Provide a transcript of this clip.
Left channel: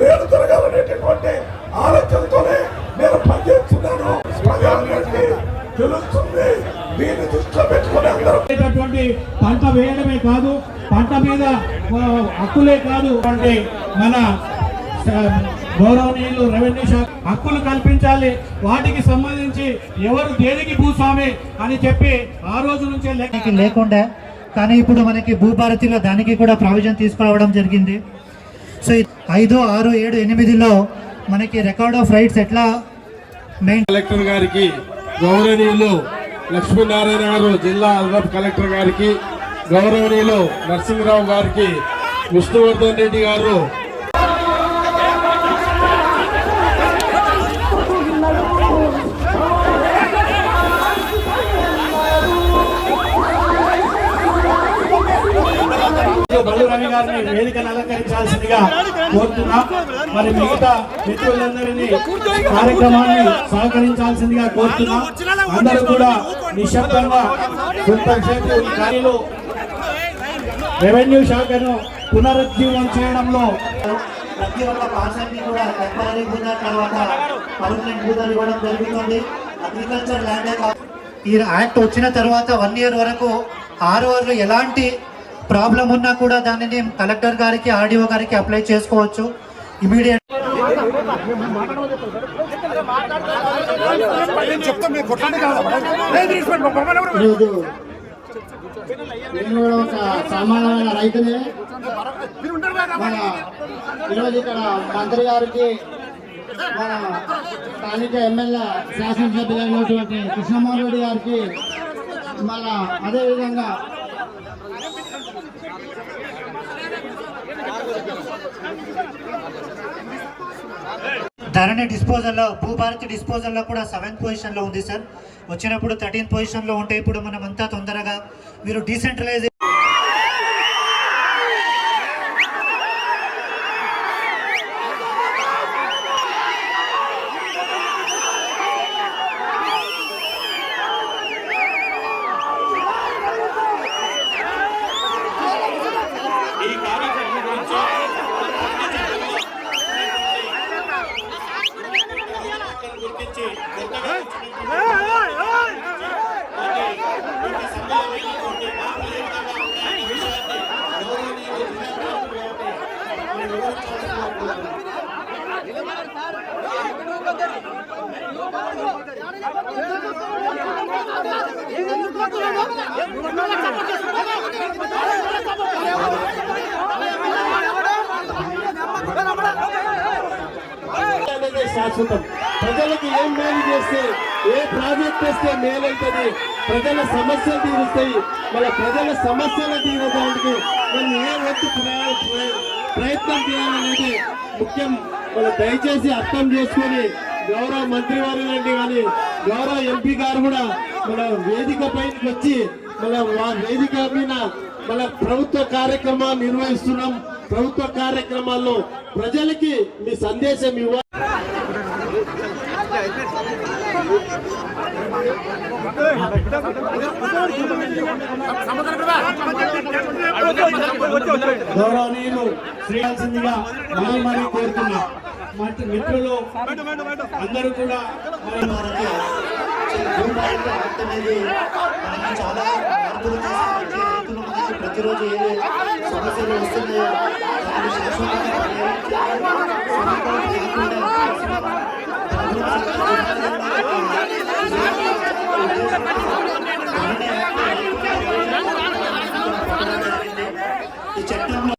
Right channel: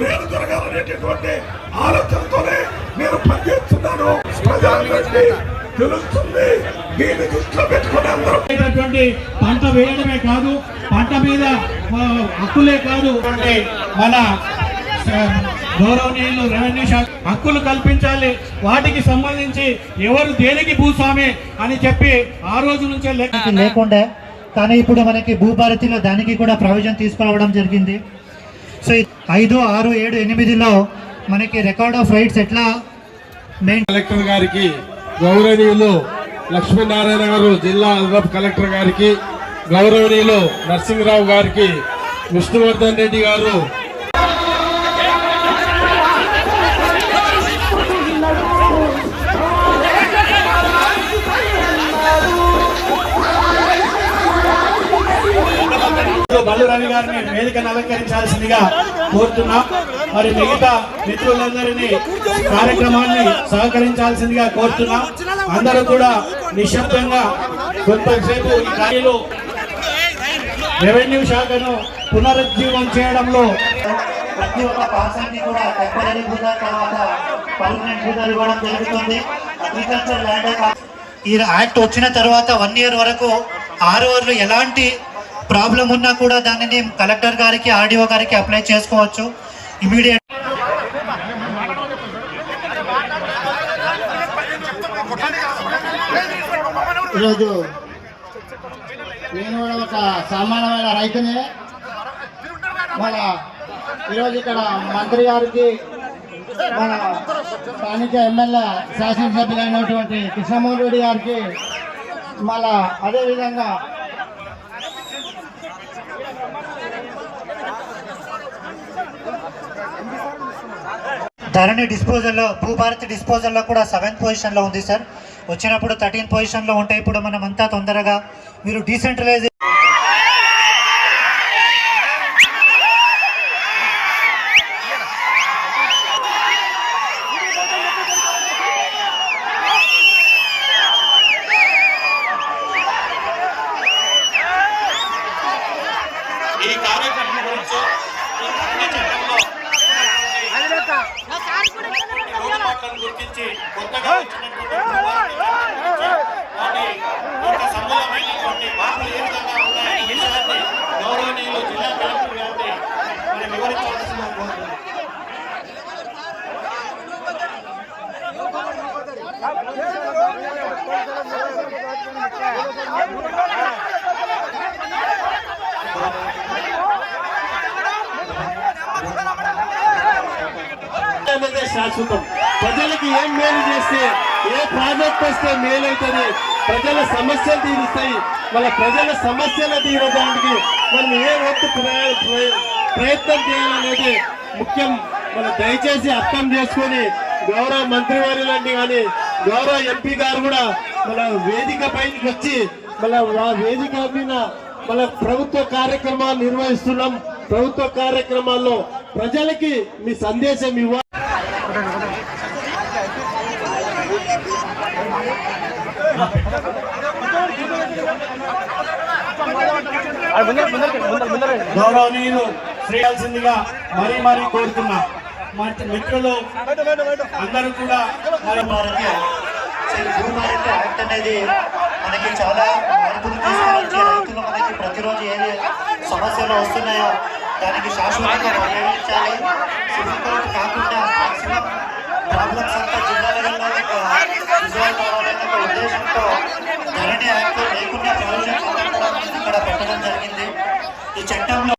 మేలు జరగాలనేటటువంటి ఆలోచనతోనే నేను పనిచేస్తున్నాను. తెలుస్తుంది. దీన్ని దృష్టిలో పెట్టుకుని అందరూ పంట వేయడమే కాదు, పంట మీద హక్కులే కాదు అంటే మన గౌరవనీయులు రెవెన్యూ శాఖ హక్కులు కల్పించాలి. వాటికి సంబంధించి ఎవరు దేనికి భూస్వామి అని చెప్పి ఆ రోజు నుంచే లేకుండా, కానీ ఇప్పుడు మనకి భూభారతిలో దానికి కూడా ప్రొవిజన్ తీసుకురావడం జరిగింది. సో 5, 6, 7, 8లో మనకి రికార్డ్ ఆఫ్ రైట్స్ ఎట్లా కలెక్టర్ గారికి, గౌరవనీయులు లక్ష్మీనారాయణ గారు జిల్లా అదనపు కలెక్టర్ గారికి, గౌరవనీయులు నరసింహరావు గారికి, విష్ణువర్ధన్ రెడ్డి గారు బలురాణి గారిని వేదికను అలంకరించాల్సిందిగా కోరుతున్నాం. మరి మిగతా మిత్రులందరినీ కార్యక్రమాన్ని సహకరించాల్సిందిగా కోరుతున్నాం. అందరూ కూడా నిశ్శబ్దంగా కొంతసేపు ఈ కార్యలు రెవెన్యూ శాఖను పునరుజ్జీవం చేయడంలో ప్రతి ఒక్క పార్సల్ని కూడా టెంపరీ భూగా తర్వాత పర్మనెంట్ భూగా ఇవ్వడం జరుగుతుంది. అగ్రికల్చర్ ల్యాండ్ ఈ యాక్ట్ వచ్చిన తర్వాత 1 year వరకు ROలు ఎలాంటి ప్రాబ్లం ఉన్నా కూడా దానిని కలెక్టర్ గారికి, RDO గారికి అప్లై చేసుకోవచ్చు. ఇమీడియట్ ఈరోజు నేను ఒక సామాన్యమైన రైతునే. మన ఈరోజు ఇక్కడ మంత్రి గారికి, మన స్థానిక ఎమ్మెల్యే శాసనసభ్యులైనటువంటి కృష్ణమోహన్ రెడ్డి గారికి, మళ్ళా అదేవిధంగా ధరణి డిస్పోజల్లో, భూభారతి డిస్పోజల్లో కూడా 7th పొజిషన్లో ఉంది సార్. వచ్చినప్పుడు 13th పొజిషన్లో ఉంటే ఇప్పుడు మనం అంతా తొందరగా మీరు డీసెంట్రలైజ్ ఈ కార్యక్రమం గురించి గుర్తించి కొత్తగా సంబంధమైనటువంటి మార్పులు ఏ విధంగా ఉన్నాయని గౌరవనీయులు జిల్లా కలెక్టర్ గారిని మనం వివరించవలసిన శాశ్వతం. ప్రజలకు ఏం మేలు చేస్తే, ఏ ప్రాజెక్ట్ వస్తే మేలవుతుంది, ప్రజల సమస్యలు తీరుస్తాయి. మన ప్రజల సమస్యలు తీరడానికి మనం ఏ వంతు ప్రయత్నం చేయాలనేది ముఖ్యం. మనం దయచేసి అర్థం చేసుకుని గౌరవ మంత్రివర్యులండి కానీ గౌరవ ఎంపీ గారు కూడా మన వేదిక పైకి వచ్చి మన వేదిక మీద మన ప్రభుత్వ కార్యక్రమాలు నిర్వహిస్తున్నాం. ప్రభుత్వ కార్యక్రమాల్లో ప్రజలకి మీ సందేశం ఇవ్వాలి. గౌరవనీయులు శ్రేయాల్సిందిగా మరీ కోరుతున్నా. మిత్రులు అందరూ కూడా భూభారతి యాక్ట్ అనేది మనకి చాలా మార్పులు తీసుకుని వచ్చి రైతులు మనకి ప్రతిరోజు ఏది సమస్యలు వస్తున్నాయో దానికి శాశ్వతంగా పరిహరించాలి. సివిల్ కోర్టు కాకుండా మ్యాక్సిమం ప్రాబ్లమ్స్ అంతా జిల్లాలలో ఉద్దేశంతో ధరణి యాక్ట్ లేకుండా ప్రవేశం ఇక్కడ పెట్టడం జరిగింది. ఈ చట్టంలో